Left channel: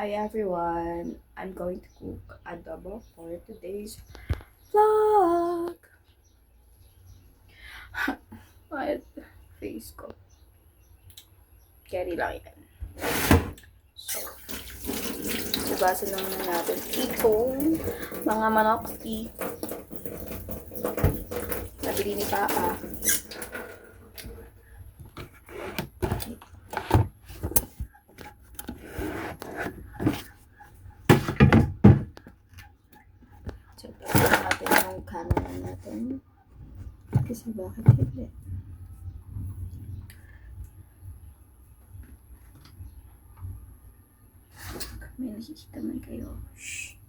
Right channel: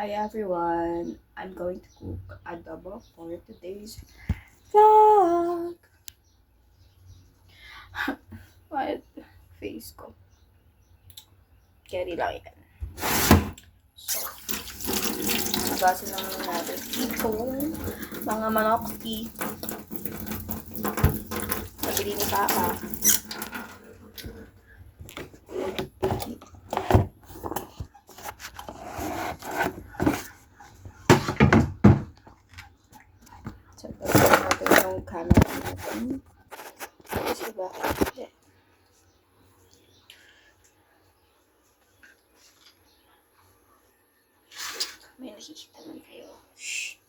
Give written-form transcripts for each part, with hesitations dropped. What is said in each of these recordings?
Hi everyone! I'm going to cook adobo for today's vlog. What? Face ko. Carry lang yan. So, hugasin lang natin itong mga manokski. Nabili ni Papa. So, tapos natin yung camera natin. Kasi bakit? May nakikita man kayo. Shh.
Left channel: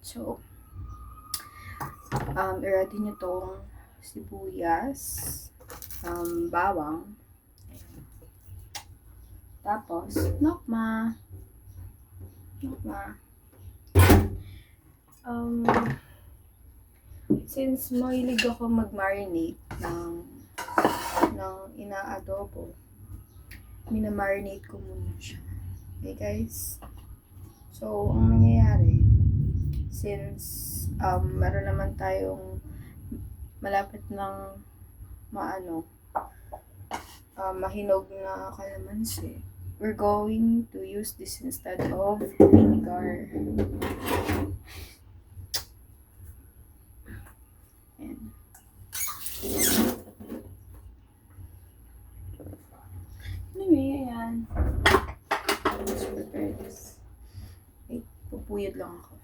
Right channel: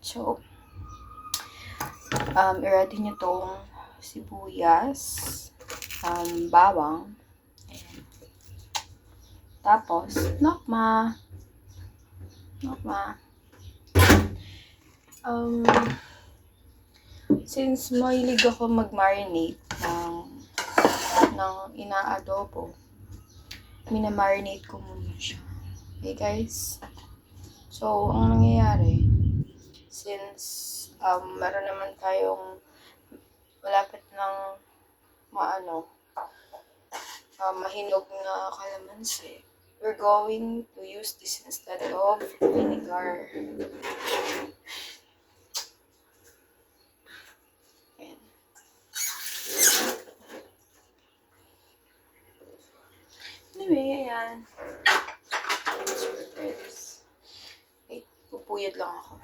So, i-ready nyo tong sibuyas, bawang, ayan. Tapos, nokma. Since mahilig ako mag-marinate ng ina-adobo, minamarinate ko muna siya. Okay guys? So, ang nangyayari, since meron naman tayong malapit ng mahinog na kalamansi, we're going to use this instead of vinegar. Ayan. Anyway, ayan. Let's prepare this. Wait, pupuyod lang ako.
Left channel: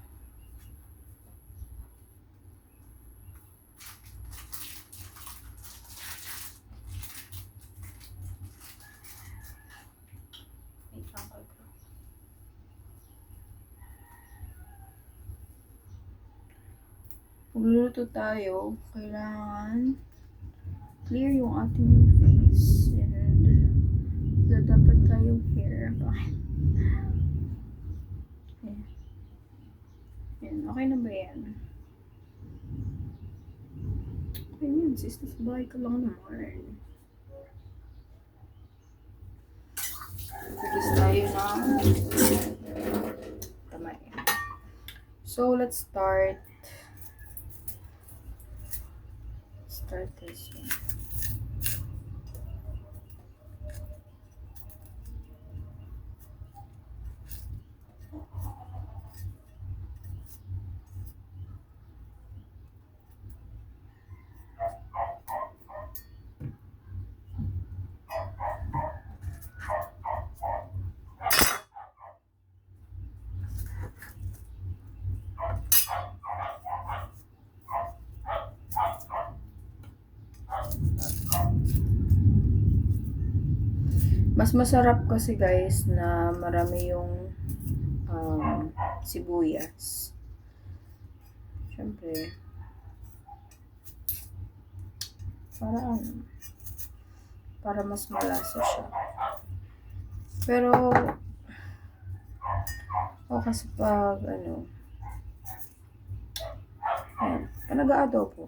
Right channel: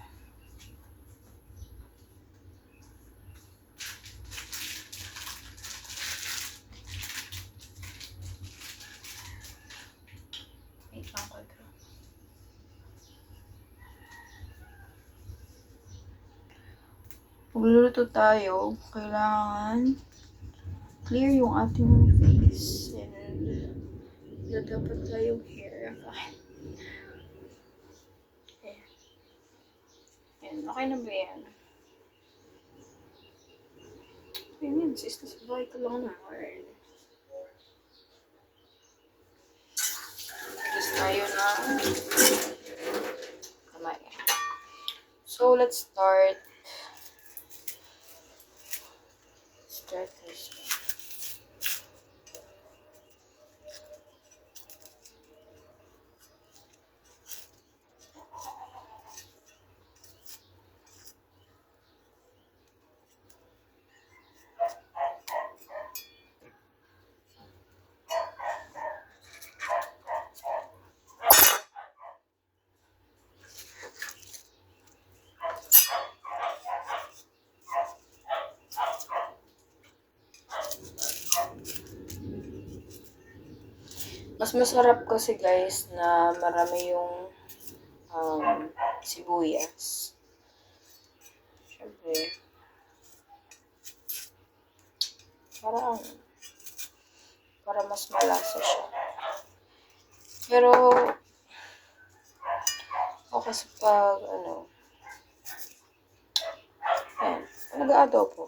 Wait lang ko ito. Pagluluto tayo, kailangan clear yung ating face and dapat tayong hair. Ayan. Ayan, okay na ba yan? Okay yan, sis, nasa bahay ka lang naman. Tapos tayo ng kamay. So, let's start this one. Mas masarap kasi guys na marami yung sibuyas. Siyempre, para mas malasa siya. Pero, kasi pag ayan, nag-aadobo,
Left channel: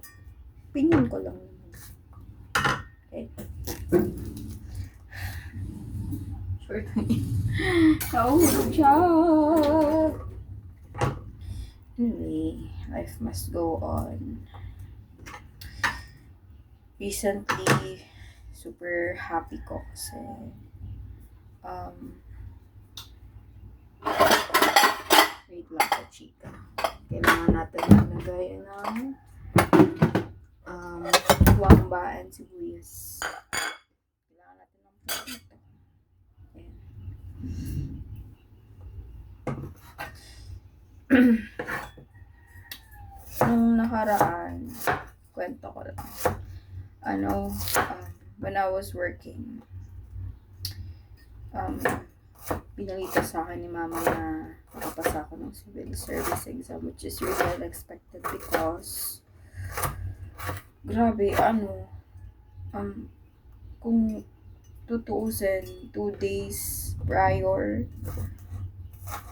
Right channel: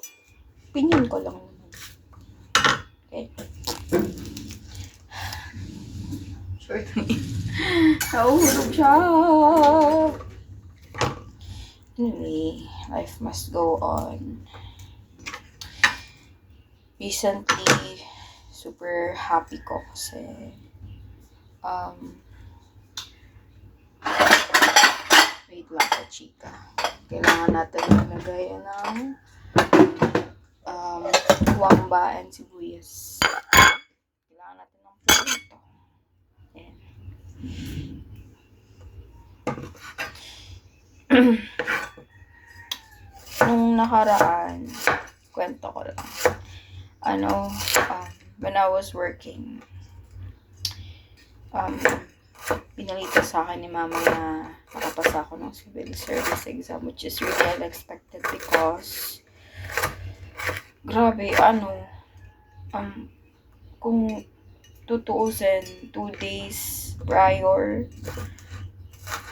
opinion ko lang naman. Okay. Short me. Nauhulog siya. Anyway, life must go on. Recently, super happy ko kasi wait lang po, chika. Kailangan natin maglagay ng wamba and sibuyas. Kailangan natin ng pulito. Ayan. Nung nakaraan, kwento ko lang. When I was working, pinalita sa akin ni mama na nakapasa ako ng civil service exam, which is really unexpected because grabe, kung tutuusin 2 days prior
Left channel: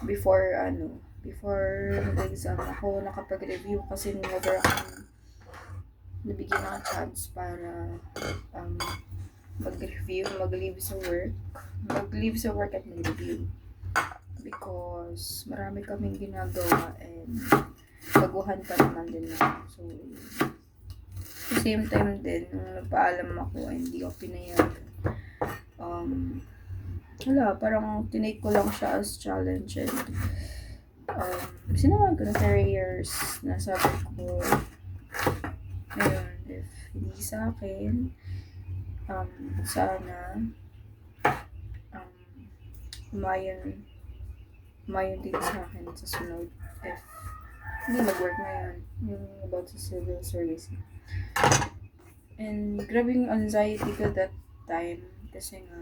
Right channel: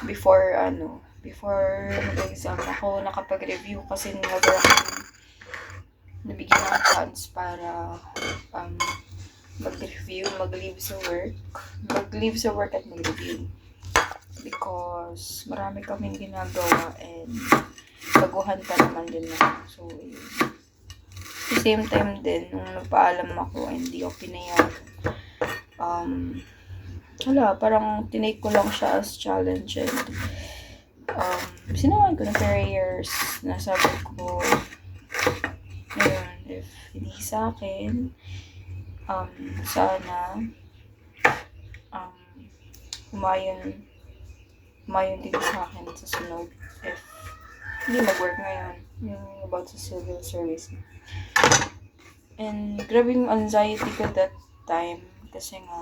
before mag-exam ako nakapag-review kasi never akong nabigyan ng chance para mag-review mag-review, mag-leave sa work at mag-review. Because marami kaming ginagawa and baguhan pa naman din na. So, yun. At the same time din, nung nagpaalam ako, hindi ako pinayag. Parang tinake ko lang siya as challenge and sinamahan ko ng prayers na sabi ko, ayun, if hindi sa akin, sana, umayon din sa akin sa sunod if hindi mag-work ngayon, yung about sa civil service. And grabe yung anxiety ko that time kasi nga,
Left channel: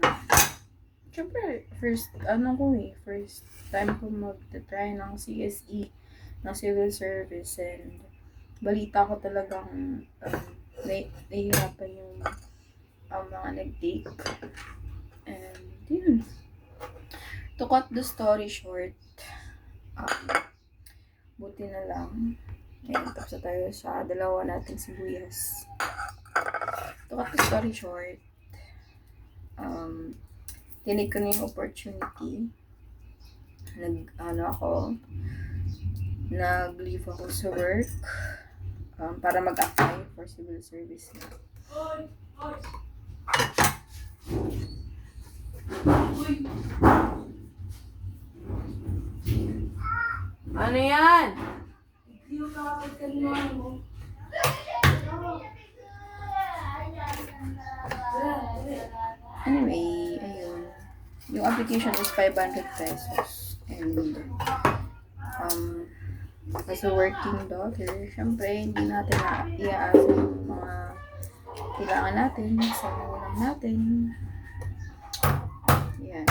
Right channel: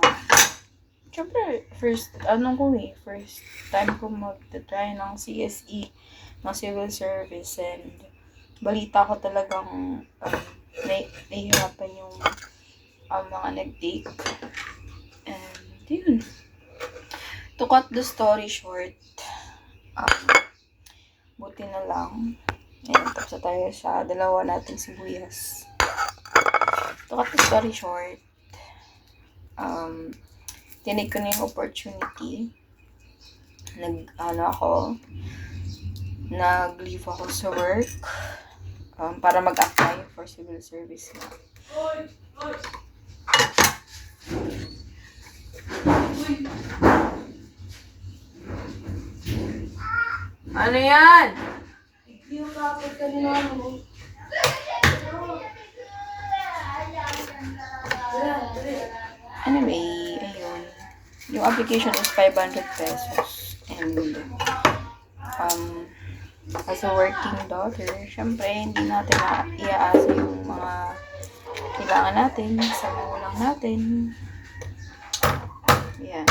syempre, first time ko mag-try ng CSE, ng civil service, and balita ko talagang nahihirapan yung mga nag-take. And yun. To cut the story short, buti na lang. Ayan, tapos na tayo sa dalawa nating sibuyas. To cut the story short, tinig ko na yung opportunity. Nag-leave ako sa work para mag-apply for civil service na. Ano yan? Yung kapit ka din mo. Anyway, ayun. Yung application is 500 pesos. And, as a working daughter, syempre, hindi natin iaasa yung mga kailangan natin sa magulang natin. Yan.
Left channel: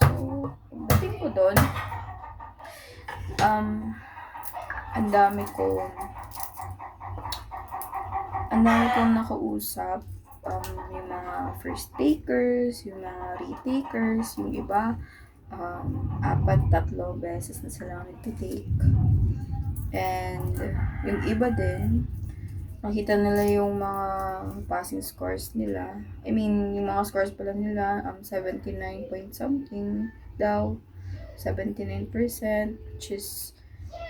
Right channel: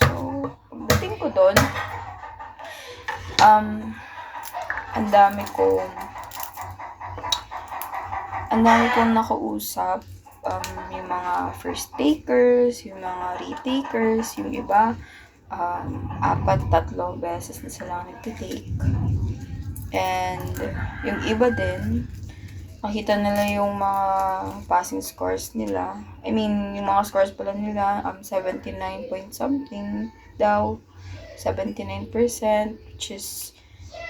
So, pagdating ko doon, ang dami kong nakausap, yung mga first takers, yung mga retakers, yung iba, 4-3 beses na sila nagtitake. And yung iba din, nakita nila yung mga passing scores nila. I mean, yung mga scores pala nila, 79 point something daw. 79%, which is,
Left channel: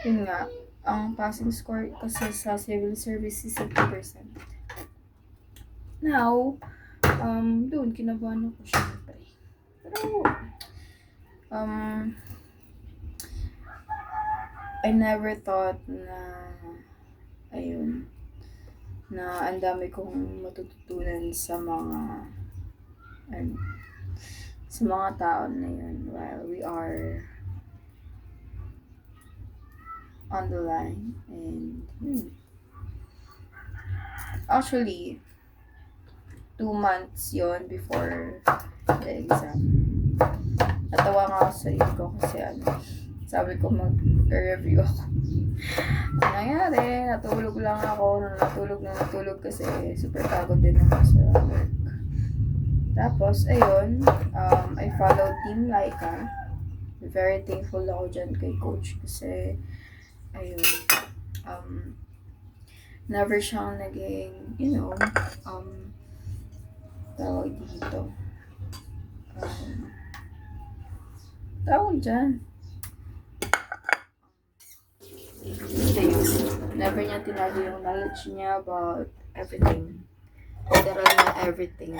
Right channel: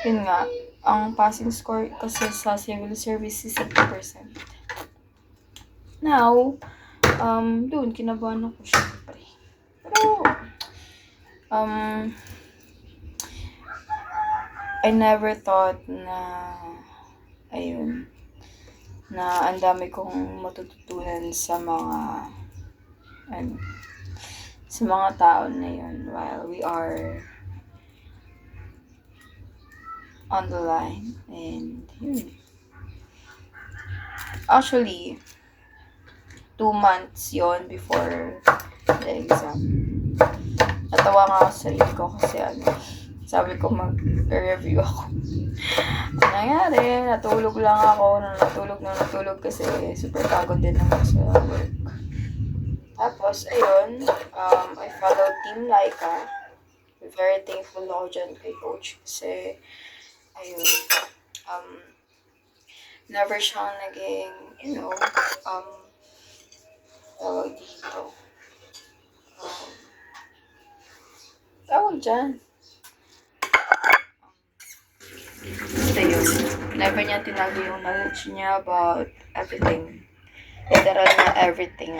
yun nga, ang passing score kasi sa civil service is 80%. Now, doon, kinabahan ako syempre. Pero, I never thought na, ayun, na ang dami kong matututunan sa mga tao na yun while we are on the line. And yun. Actually, 2 months yon before the exam. Natawa nga ako sa sarili ko kasi sabi ko mag-review ako. Ano nangyari? Natulog lang ako. Natulog kasi super pagod din ako sa work. Tapos, ayun, I followed Team Laika. Very thankful ako dyan kay Coach kasi, ayun, never siyang naging, tawag dito. Tawag dyan. Basta yun. Never niya tinago yung knowledge niya about everything. Literal na everything.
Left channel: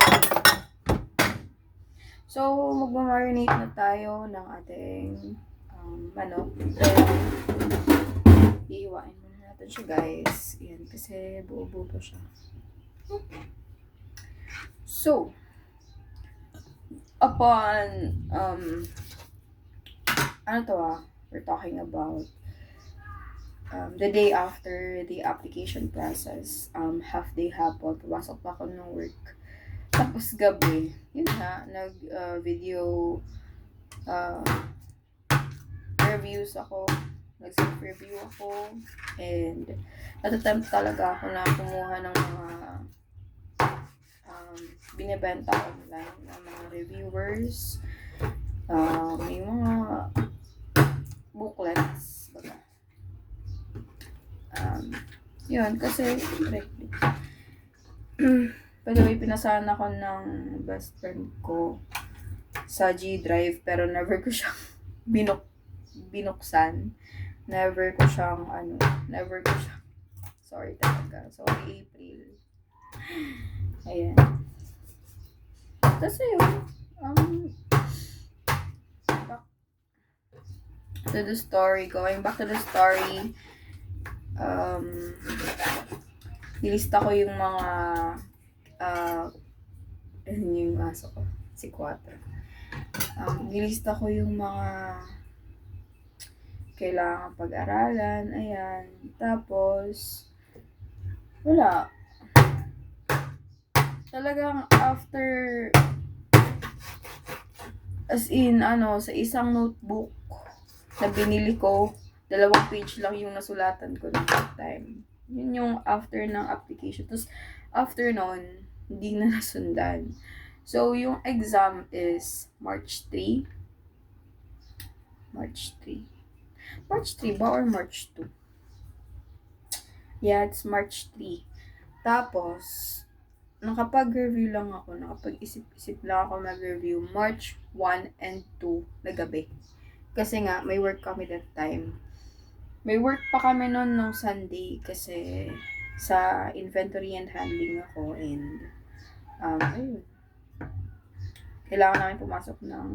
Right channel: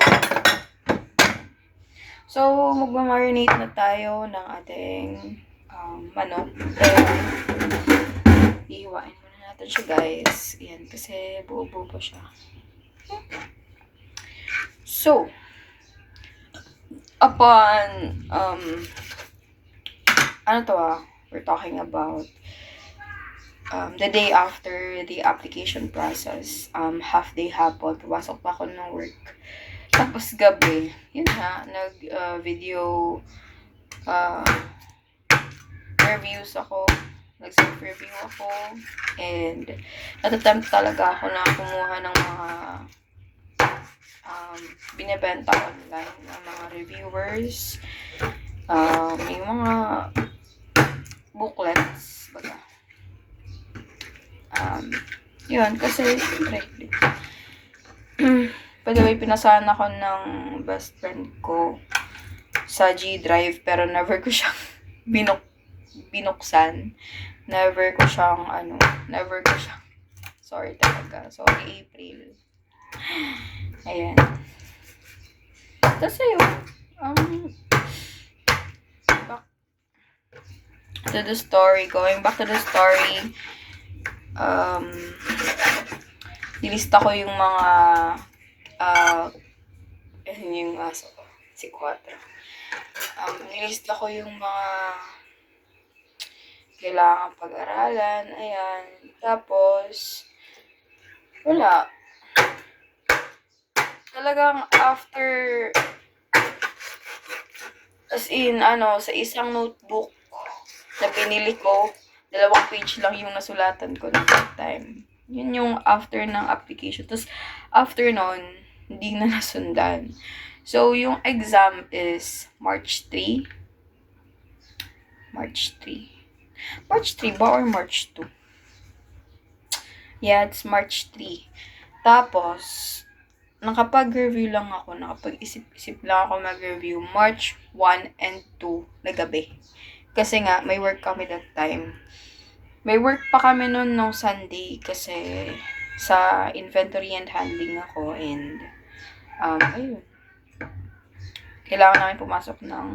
So, magmamarinate na tayo ng ating manok. Iiwain muna natin siya, guys. Yan, kasi buo-buo pa siya. So, upon, we're talking about the day after the application process, half day hapon, pumasok pa ako ng work. Tapos gabi, yun nga, nag-video reviews ako, nag-self-review ako, and natatempt talaga ako na kumuha ng mga binibenta online ng mga reviewers, yung mga booklets, baga. Yun, kasi, siyempre, By the way, pinasahan ako ng best friend ko sa G Drive, pero never ko siyang binuksan. Never ko siyang, sorry talaga. Sorry, April. Ayan. Tapos ayun, going back to the story, nilista ko yung mga, yung aso ko, si Quattro. Nilista ko yung mga kailangan pag-aralan, ayan. Tapos, wala. Talagang after, as in, sa isang notebook na binili ko, 2 page lang yung nasulatan ko ng that time. Yun yung after ng application. Tapos, after nun, hindi na nasundan. So, yung exam is March 3 ba or March 2? Yeah, it's March 3. Tapos, nakapag-review lang ako, nakapag-isip-isip lang ako mag-review March 1 and 2 na gabi. Kasi nga, may work kami that time. May work pa kami noon nung Sunday kasi sa inventory and handling ako and ayun. Kailangan namin pumasok ng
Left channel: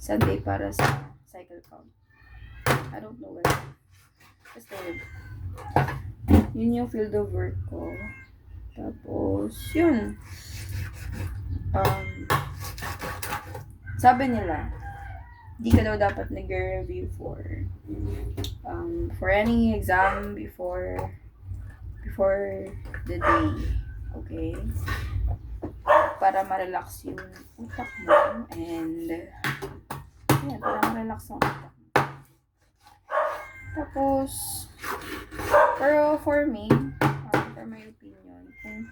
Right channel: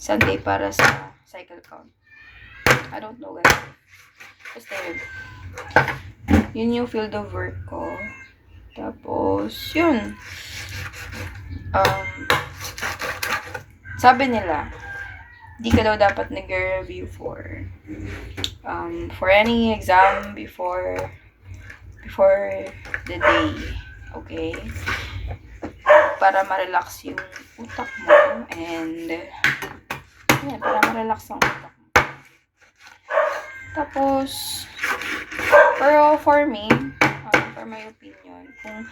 Sunday para sa cycle count. I don't know guys. Basta yun yung field of work ko. Tapos, yun. Sabi nila, di ka daw dapat nag-review for any exam before the day. Okay? Para ma-relax yung utak mo and para ma-relax ang utak mo. Tapos, pero for me, for my opinion, kung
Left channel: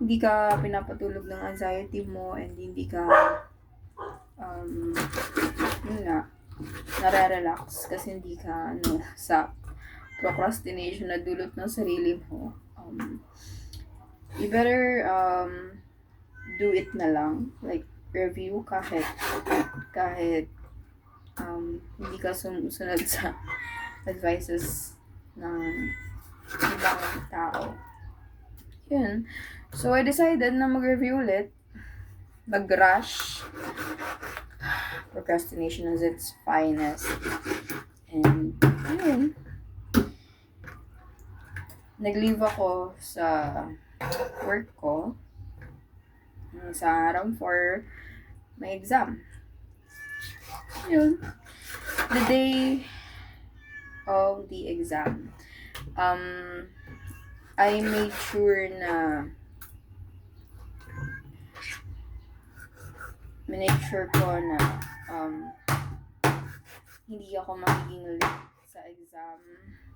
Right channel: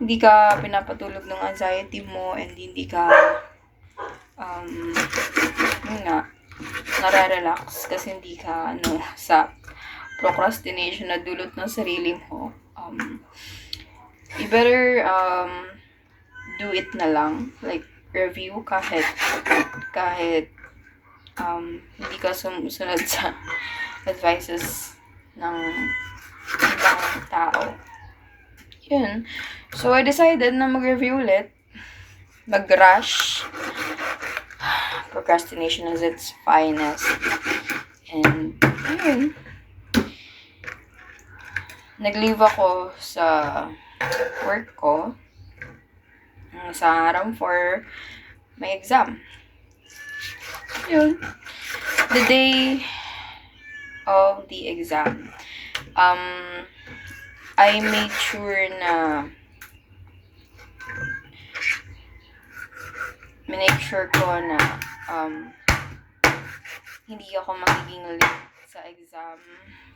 hindi ka pinapatulog ng anxiety mo and hindi ka nare-relax kasi hindi ka sa procrastination na dulot ng sarili mo, you better do it na lang, like review kahit hindi ka sumusunod sa advices ng ibang tao. Yun. So I decided na mag-review ulit, mag-rush. Procrastination is its finest. And, yun. Nag-leave ako sa work ko sa araw for my exam. Yun. The day of the exam, I made sure ko na hindi ako magiging late sa exam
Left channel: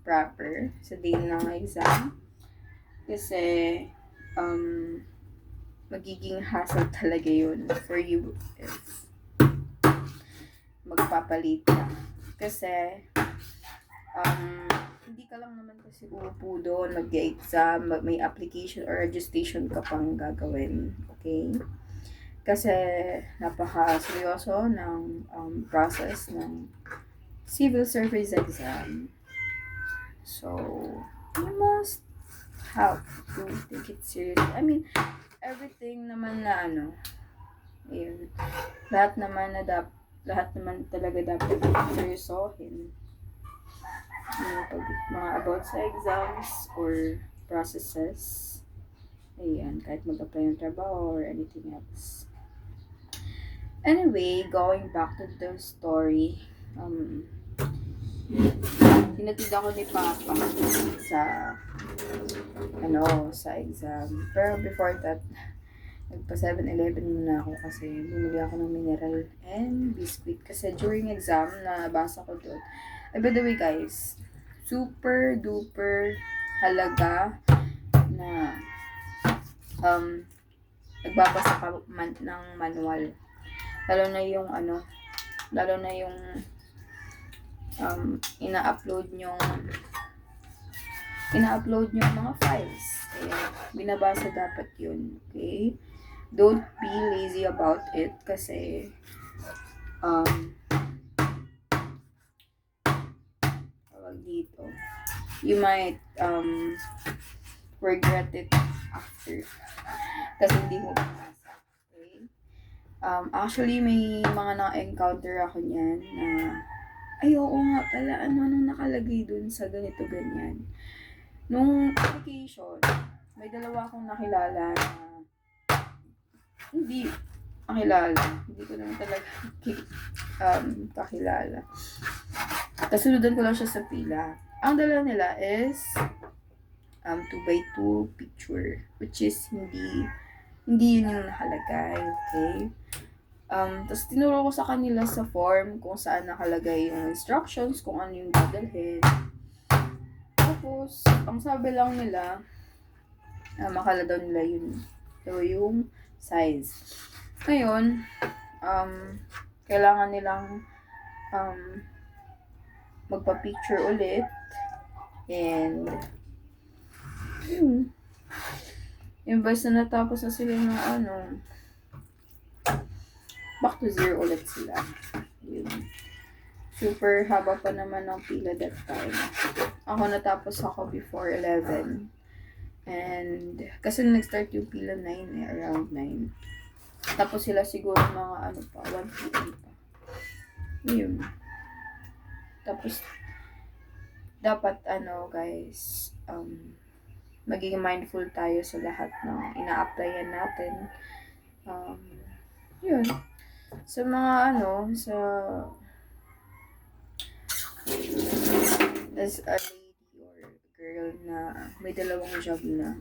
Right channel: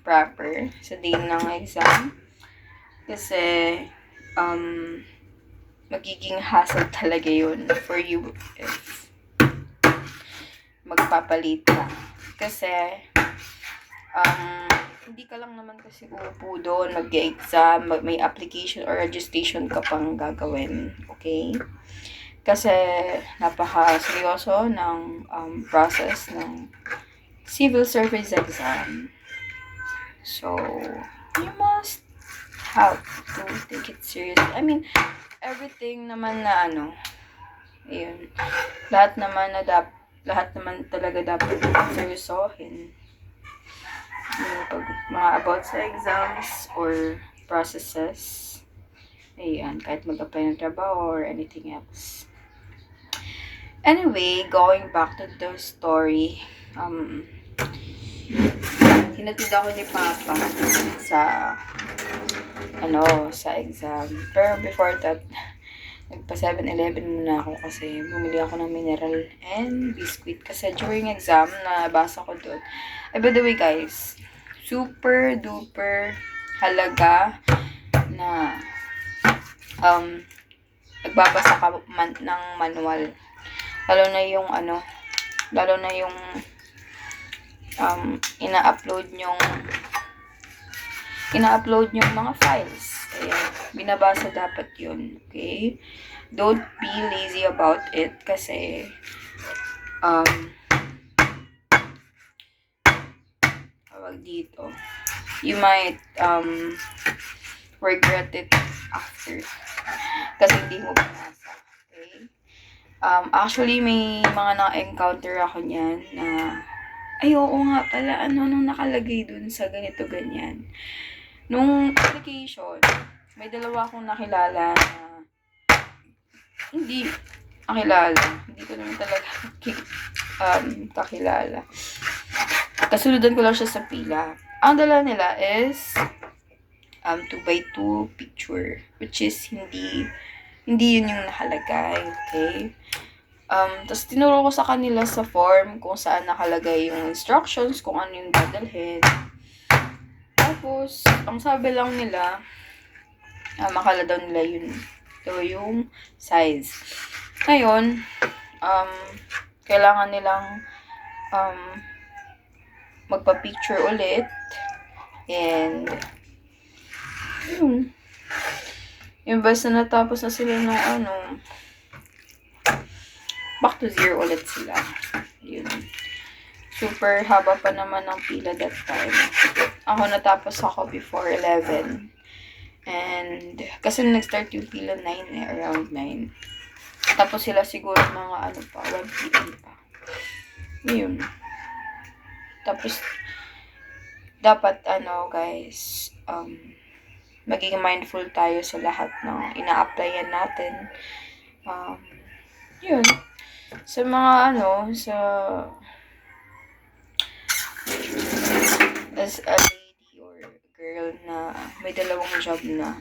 proper, sa day ng exam. Kasi, magiging hassle talaga yun for you if magpapalit ka. Kasi, hindi ka lang naman kasi uupo doon, mag-exam, may application or registration ka pang gagawin. Okay? Kasi napaka-seryoso ng process ng civil service exam. So, you must have to take it serious. I mean, everything naman na ayun, lahat naman talaga dapat seryosohin. Pag mga about sa exams or processes, ayan, kahit mag-apply ng trabaho or anything else. Anyway, going back to the story, hinatid ako ni Papa sa exam. Pero before that, nagpa 7-Eleven muna ako kasi bumili ako ng mineral and biscuit kasi during exam nabasa ko doon. By the way guys, super duper halaga na nagbabasa ka ng manual. Lalo na yung ina-upload yung mga files. Ayan. Binabasa dapat yun. Okay? Don't be lazy about it kasi tawag dito, you might regret it after kasi hindi mo binasa. Okay? Actually, may mga na-encounter ako niyan na ay, oo nga pala, nung nakalagay dun sa ganito, ganyan. Nung application, may dalawa akong nakilala na hindi nakilala. Hindi ko naman talaga kakilala. Kasunod ko lang siya sa pila. Ang dala nila is 2x2 picture, which is hindi yun yung nakalagay, okay? Tapos tinuro ko sa kanila sa form kung saan nakalagay yung instructions, kung ano yung dadalhin. Tapos, ang sabi lang nila, makala daw nila yun. Ito yung size. Ngayon, kailangan nilang magpa-picture ulit. And, imbes na natapos na sila ng back to zero ulit sila. Yun. Super haba pa naman ng pila that time. Ako natapos ako before 11. And, kasi nag-start yung pila 9 around 9. Tapos sila siguro mga 1 p.m. pa. Yun. Tapos, dapat guys, maging mindful tayo sa lahat ng ina-applyan natin. Yun. Sa mga as a lady or girl na may dalawang job na,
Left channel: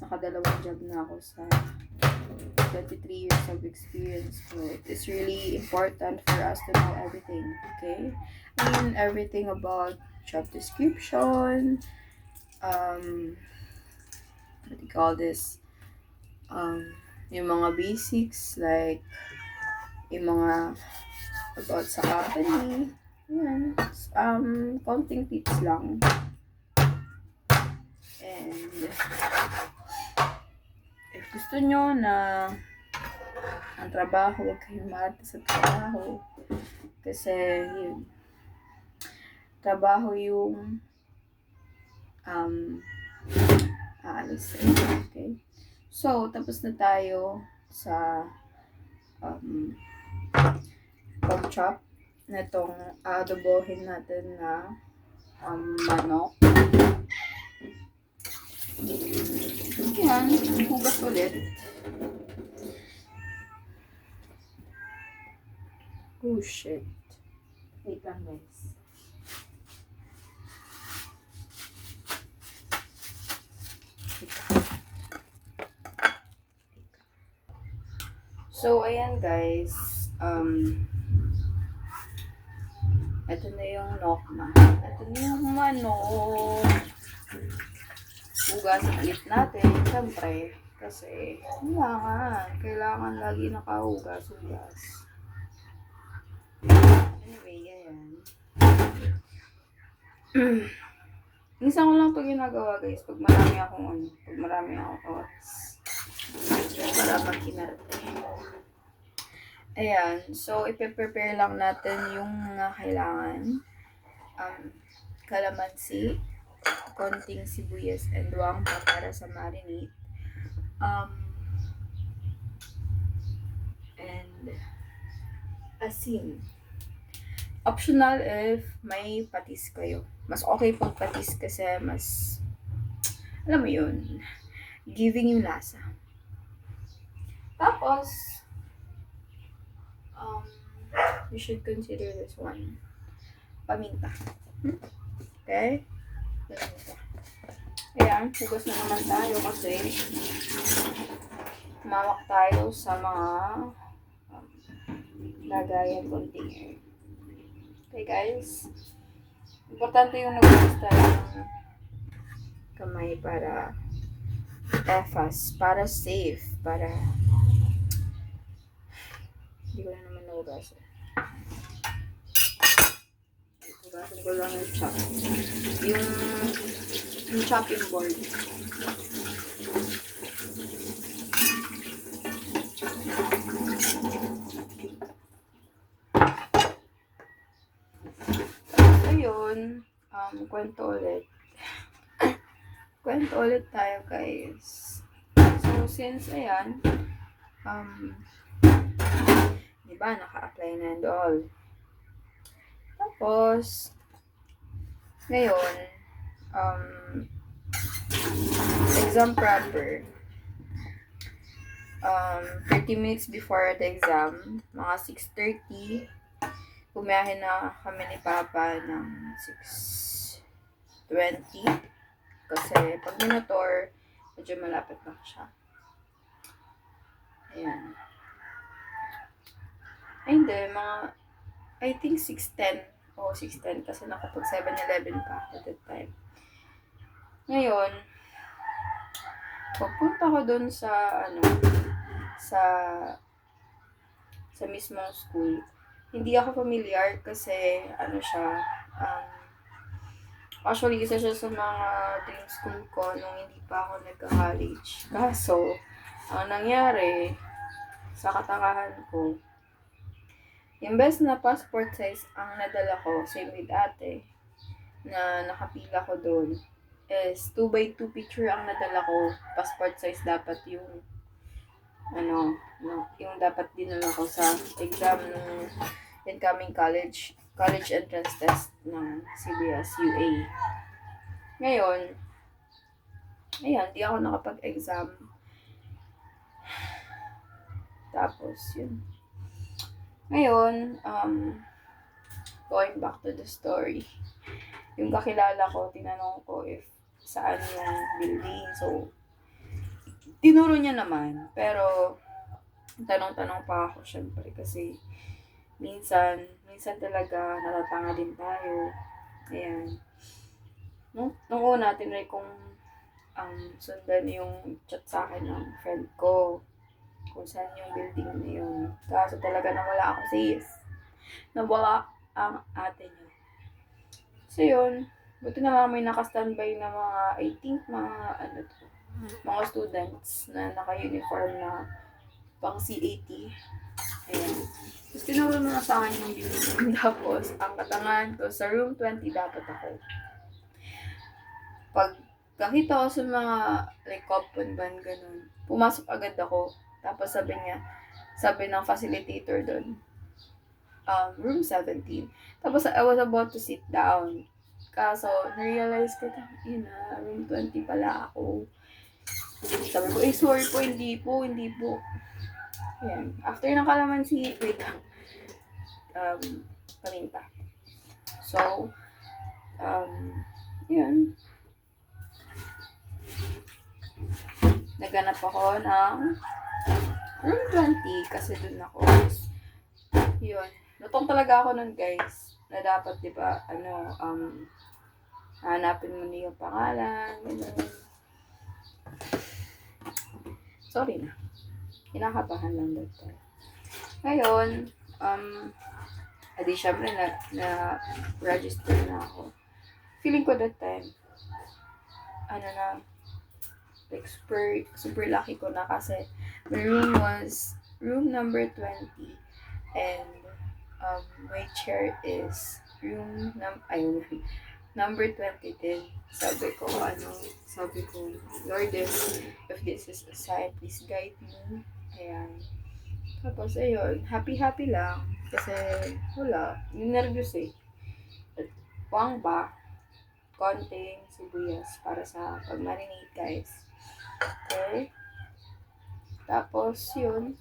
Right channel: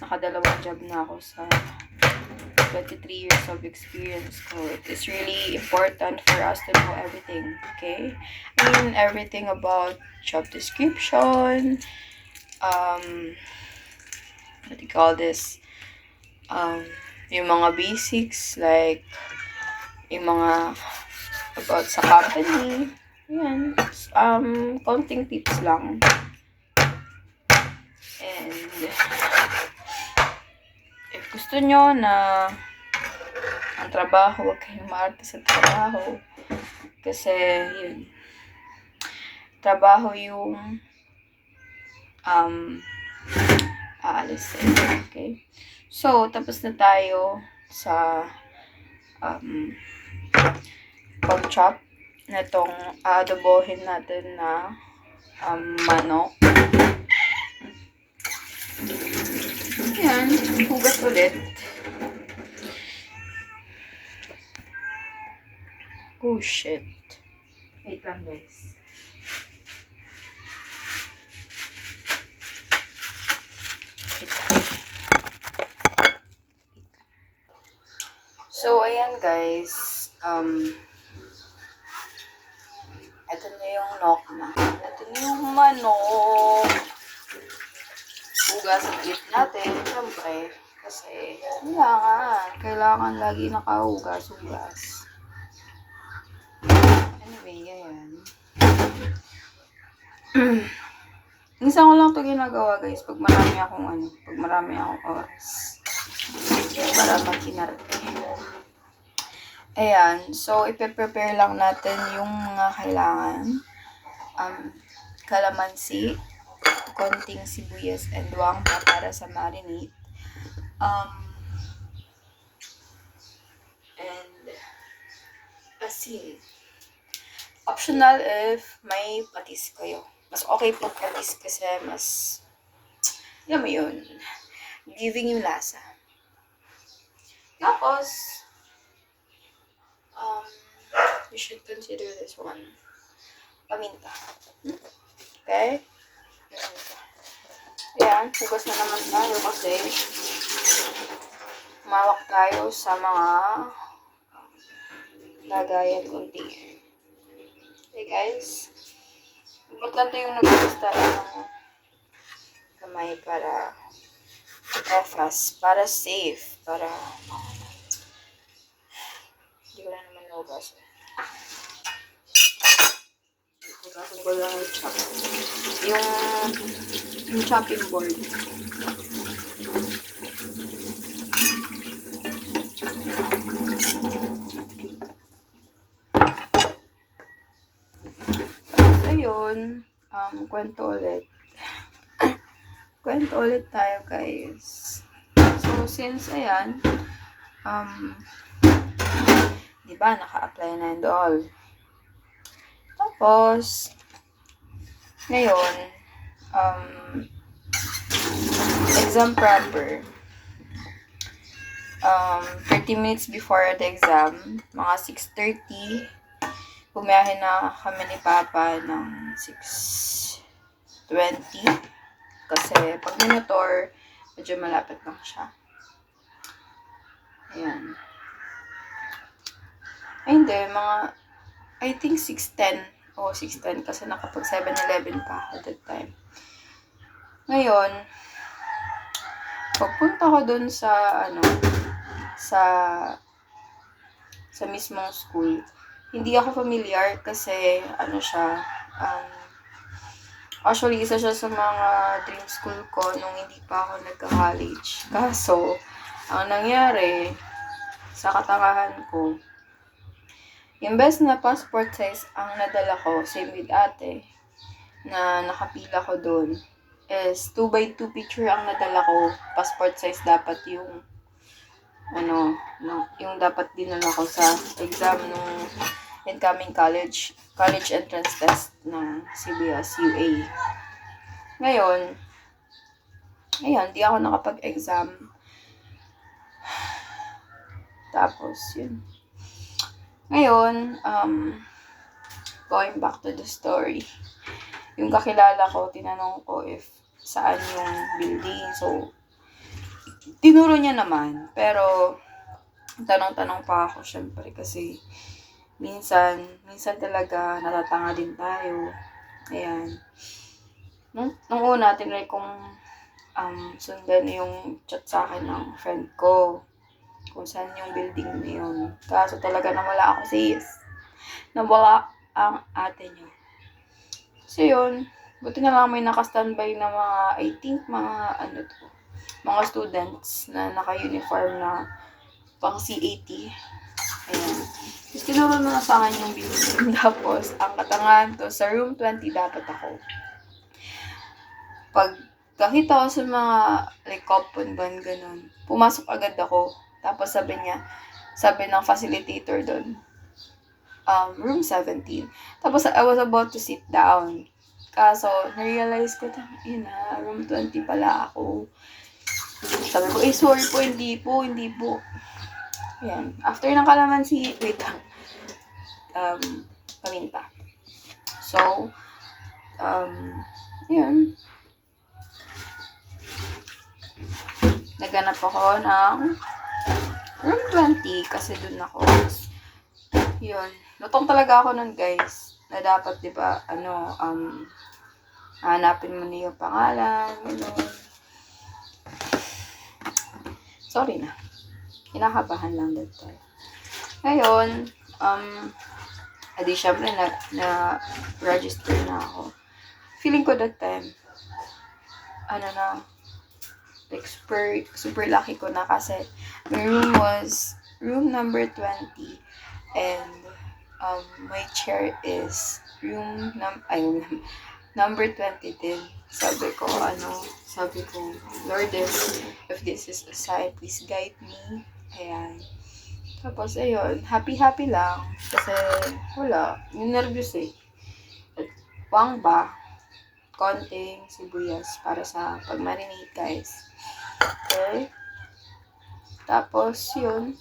nakadalawang job na ako sa 23 years of experience ko. It's really important for us to know everything, okay? Everything about job description, what do you call this? Yung mga basics, like, yung mga about sa company, yan, konting tips lang. And, if gusto nyo na ang trabaho, huwag kayong maarte sa trabaho. Kasi, yun, trabaho yung aalisin. Okay? So, tapos na tayo sa pag-chop na itong adobohin natin na manok. Yan, hugas ulit. Oh, shit. Wait lang, guys. So, ayan guys. Ito na yung nokma. Ito na yung manok. Hugasan ulit natin. Siyempre. Kasi, kailangan lagi nakahugas-hugas. Anyway, ayan. Minsan ko lang ito ginagawa guys. Pag marami akong oras. Para mag-inarte. Ayan. So, ipe-prepare lang natin yung mga kailangan. Kalamansi, konting sibuyas and bawang para sa marinade. And asin. Optional if may patis kayo. Mas okay po patis kasi mas, alam mo yun, giving yung lasa. Tapos, you should consider this one. Paminta. Okay? Ayan, hugas na naman tayo kasi mawak tayo sa mga lagayan container. Okay guys? Importante yung naghugas tayo ng kamay para fast, para safe, para hindi ko na naman nahugas. Hugasan ko lang yung chop. Yung chopping board. Ayun, kwento ulit. Kwento ulit tayo, guys. So, since, ayan, diba, naka-apply na and all. Tapos, ngayon, exam proper. 30 minutes before the exam, mga 6:30, bumiyahe na kami ni Papa ng 6:20. Kasi pag minotor, medyo malapit lang siya. Ayan. Ay, hindi. I think 6:10. O, 6:10 kasi nakapag 7-Eleven pa ako that time. Ngayon, pagpunta ko dun sa, sa mismong school, hindi ako familiar kasi, siya, actually, isa siya sa mga dream school ko nung hindi pa ako nagka-college. Kaso, ang nangyari, sa katangahan ko, imbes na passport size ang nadala ko, same with ate, na nakapila ko doon, is 2x2 picture ang nadala ko. Passport size dapat yung, yung dapat dinala ko sa exam ng incoming college entrance test ng CBS UA. Ngayon, ayan, di ako nakapag-exam. Tapos, yun. Ngayon, going back to the story. Yung kakilala ko, tinanong ko if saan yung building. So, tinuro niya naman. Pero, tanong-tanong pa ako, syempre, kasi minsan talaga natatanga din tayo. Ayan. Nung una, tinry kong sundan yung chat sa akin ng friend ko kung saan yung building na yun. Kaso talaga nawala ako sis. Nawala ang ate niya. So yun, buti na lang may naka-standby na mga students na naka-uniform na pang CAT. Ayan. Tapos tinuro na sa akin yung building. Tapos, ang katangahan to, sa room 20 dapat ako. Pag kakita ko sa mga coupon ban, ganun, pumasok agad ako. Tapos sabi ng facilitator doon, room 17. Tapos I was about to sit down. Kaso, na-realize ko, room 20 pala ako. Sabi ko, sorry po, hindi po. Ayan. After ng kalamansi, wait lang. Paminta. So, yun. Naghanap ako ng room 20 kasi dun ako. Yun. Lutong talaga ako nun, guys. Na dapat, di ba, hanapin mo na yung pangalan, gano'n. Sorry na. Kinakabahan lang that time. Ngayon, adi syempre na-register na ako. Feeling ko that time, like super lucky ko na kasi my room was room number 20 and my chair is room number 20 din. Sabi ko, Lord, if this is a sign, please guide me. Ayan. Tapos, ayun, happy lang. Kasi, wala, yung nervous eh. At wang ba, konting sibuyas para sa pag-marinate, guys. Okay? Tapos, yun.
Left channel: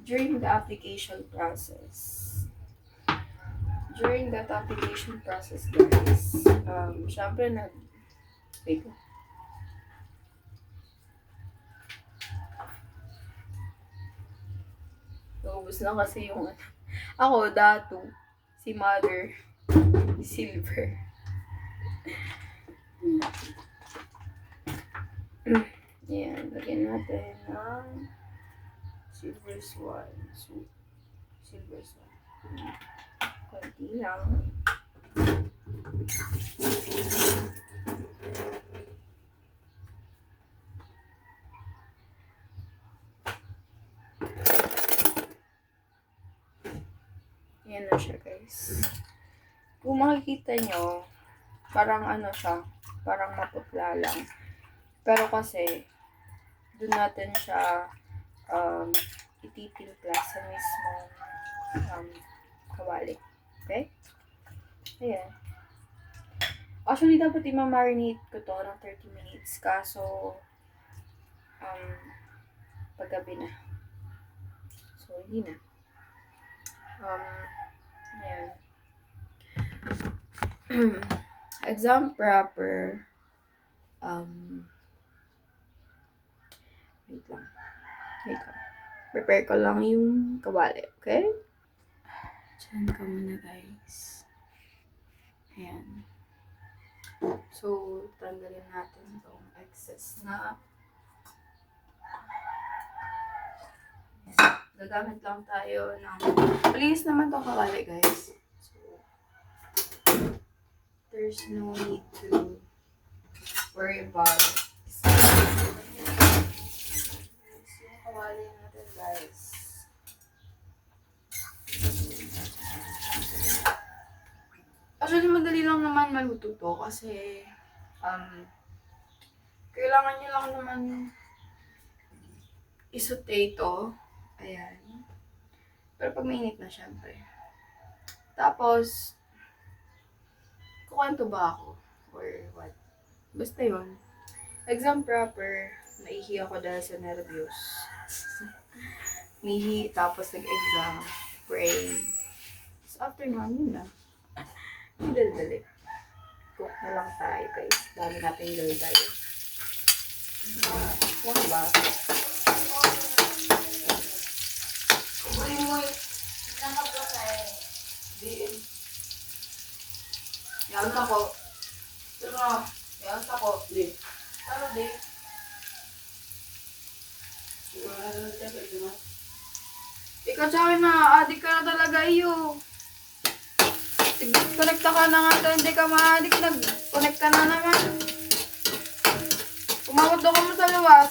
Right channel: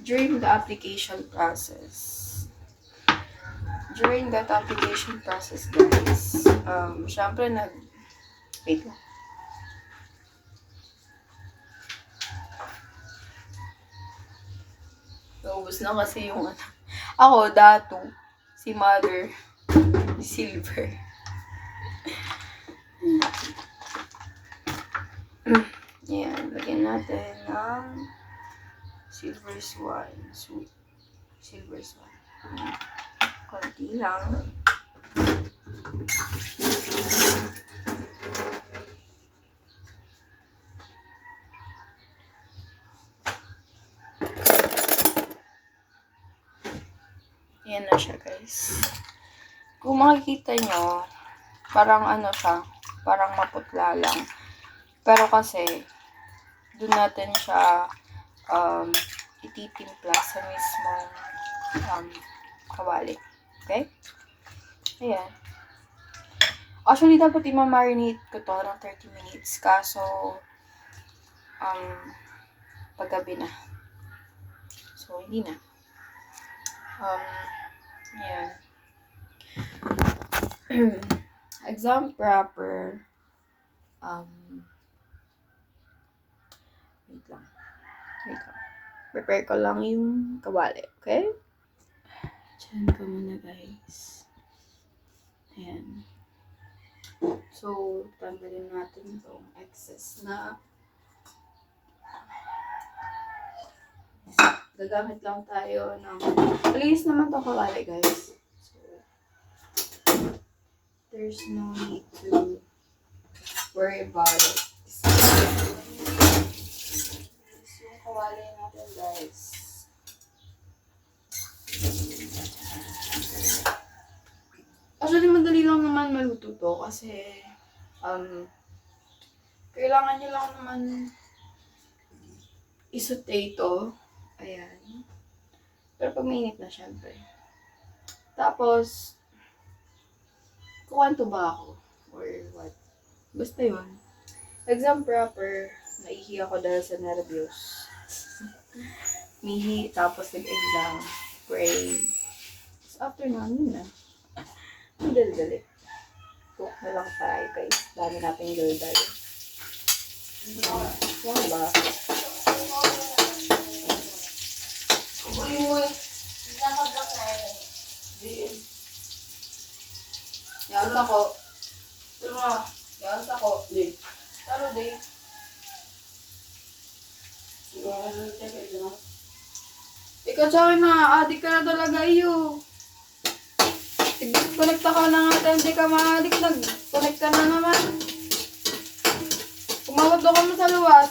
During that application process, guys, syempre wait lang. Naubos na kasi yung ako, Datu, si Mother, Silver. Ayan, lagyan natin ng Silver Swan. Silver Swan. Konti lang. siya, guys. Kung makikita nyo, parang ano siya, parang maputla lang. Pero kasi, doon natin siya ititimpla sa mismong kawali. Okay? Ayan. Actually, dapat i-marinate ko to ng 30 minutes. Kaso, paggabi na. So, hindi na. Ayan. Exam proper. Wait lang. Prepare ko lang yung kawali, okay? Diyan ko muna, guys. Ayan. So, tanggalin natin itong excess na. Gagamit lang tayo ng... Malinis naman itong kawali, guys. So, there's no need to worry about it. Yung kawali natin, guys. Actually, madali lang naman maluto to kasi kailangan nyo lang naman isaute ito. Ayan. Pero pag mainit na, syempre. Tapos, kukwento ba ako? Or what? Basta yun. Exam proper, naihi ako dahil sa nervyos. Mihi, tapos nag-exam, pray. So, after nun, yun na. Dali-dali. Cook na lang tayo, guys. Dami natin dali-dali. Wow ba? Yan ako. Yan ako. Di. Taro di. Ikaw sa akin na, adik ka na talaga iyo. Connecta ka na nga, hindi ka ma-addict, nag-connect ka na naman. Kumawad ako mo sa luwas.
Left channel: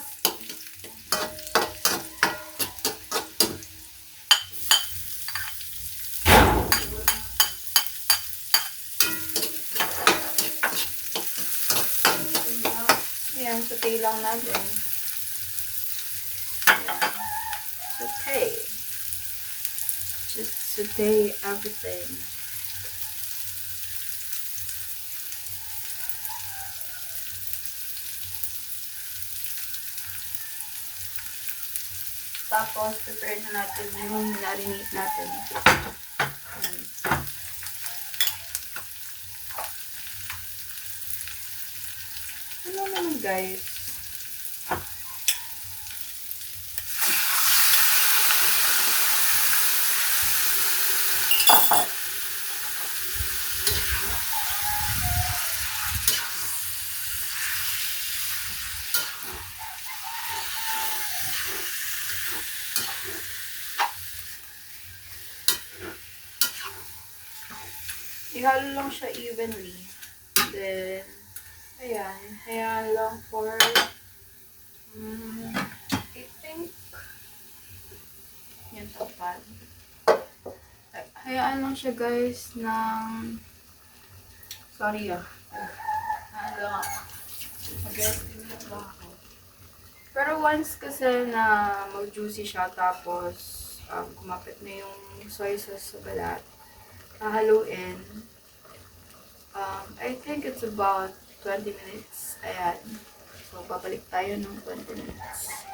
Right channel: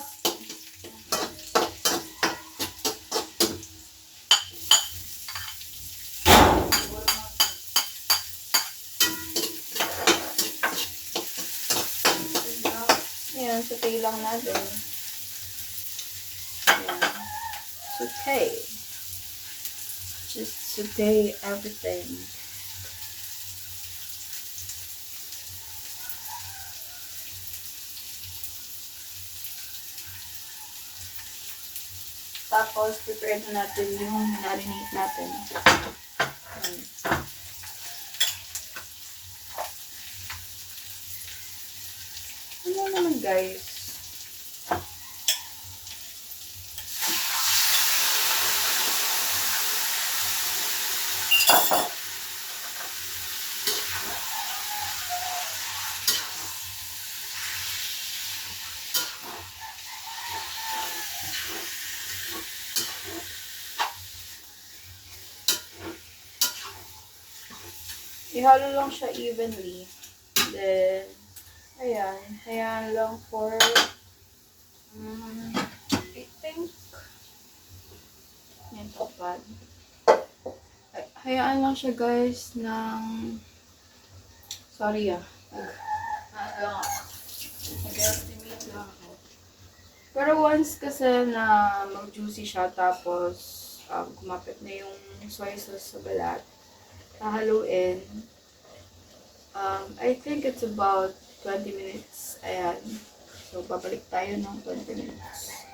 Ayan, saute lang natin. Ayan. Saute. Just saute everything. Tapos, prepare na natin yung marinate natin. Ano naman, guys? Ihalo lang siya evenly. Then, ayan. Ayan lang for, I think, yan tapad. Hayaan lang siya, guys, ng, sorry lang ako. Mag-estimate lang ako. Pero once kasi na mag-juicy siya, tapos, kumapit na yung soy sauce sa balat, haluin. I think it's about 20 minutes. Ayan. So, babalik tayo ng 20 minutes.